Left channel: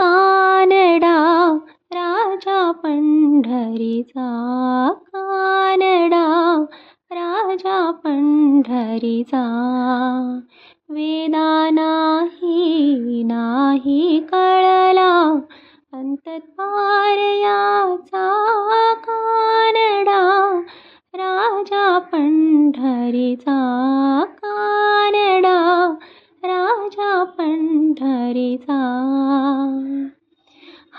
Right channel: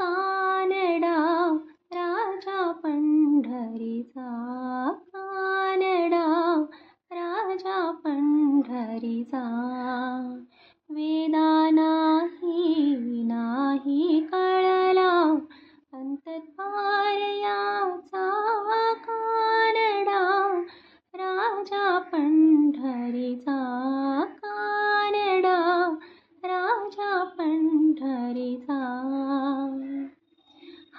कानडा राजा पंढरीचा, कानडा राजा पंढरीचा. वेदा नाही कळला अंतद्वार याचा, कानडा राजा पंढरीचा, कानडा राजा पंढरीचा.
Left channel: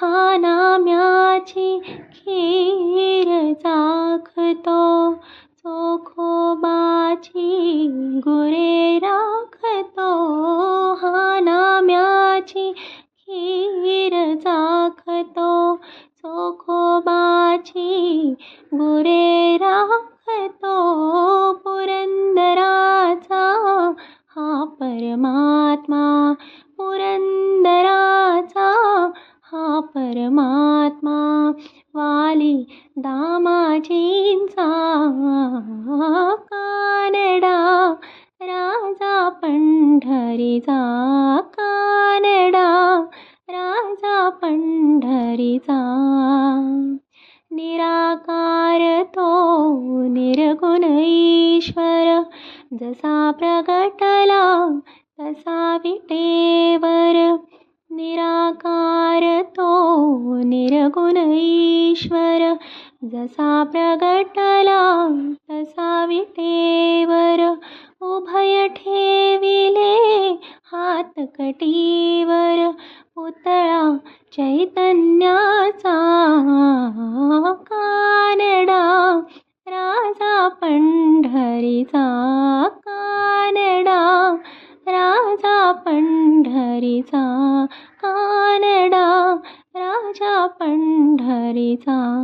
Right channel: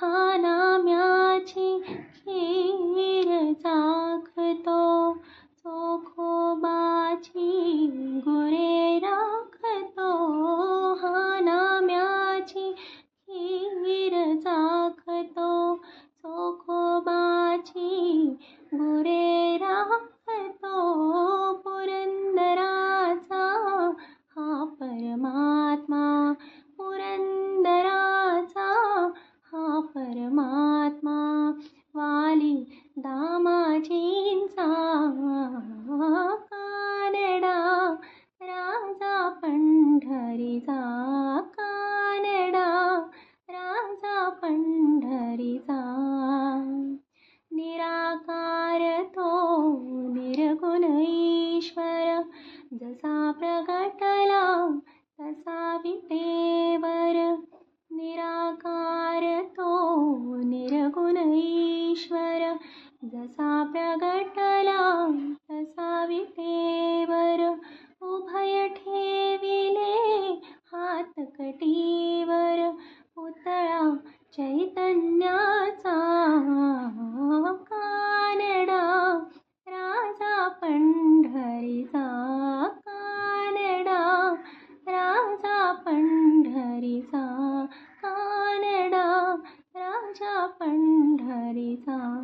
हा नाम्याची खीर चाखतो, चोखोबाची गुरे राखतो. हा नाम्याची खीर चाखतो, चोखोबाची गुरे राखतो. पुरंदराचा हा परमात्मा, पुरंदराचा हा परमात्मा. वाली दामाजींचा, कानडा राजा पंढरीचा, कानडा राजा पंढरीचा. निराकार तो निर्गुण ईश्वर, जसा प्रगटला तसा विटेवर. निराकार तो निर्गुण ईश्वर, जसा प्रगटला तसा विटेवर. उभय ठेविले हात कटीवर, पुतळा चैतन्याचा. कानडा राजा पंढरीचा, कानडा राजा पंढरीचा, कानडा राजा पंढरीचा.